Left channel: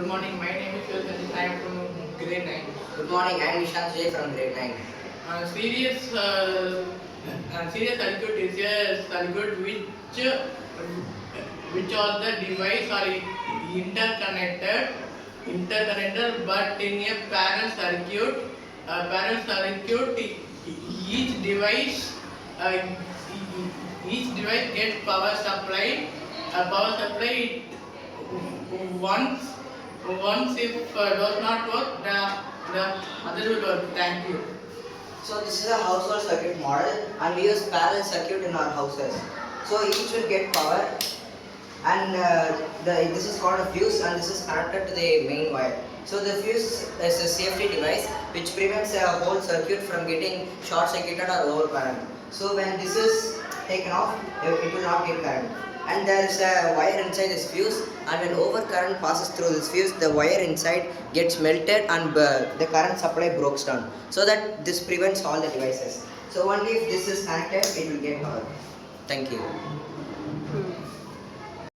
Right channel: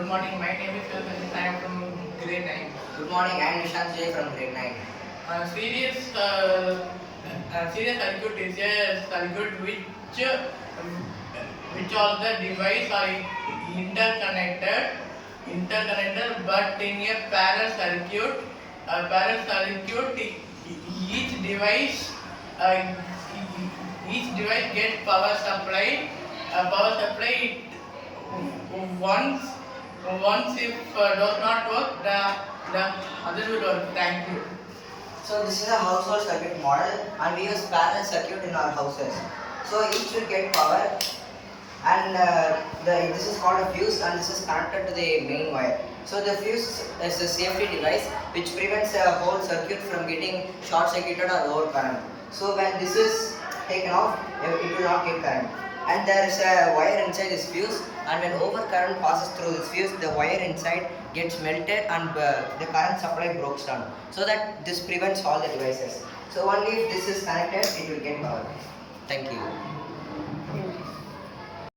Good morning. My name is Phil. I am from grade 9. Good morning, I am Nishant J from grade 9. Serious circuit is a circuit which all the devices are interconnected, but in a parallel circuit, each device, uh, each device gets power supply. Power supply once once if does not work, the other will work. Thank you. So this is a household circuit model and we use parallel circuit in our houses. So each will get power and this is called a fuse and this is connected to the main wire. So the fuse is a safety device which prevents a whole circuit from getting short circuited or overcurrent. So when this is taken off, it will not give current. And there is a wire inside this fuse and when overcurrent passes through this fuse, the wire inside gets melted and the current supply breaks down. So that this prevents all the devices. So only if this is connected, it will get power. Thank you.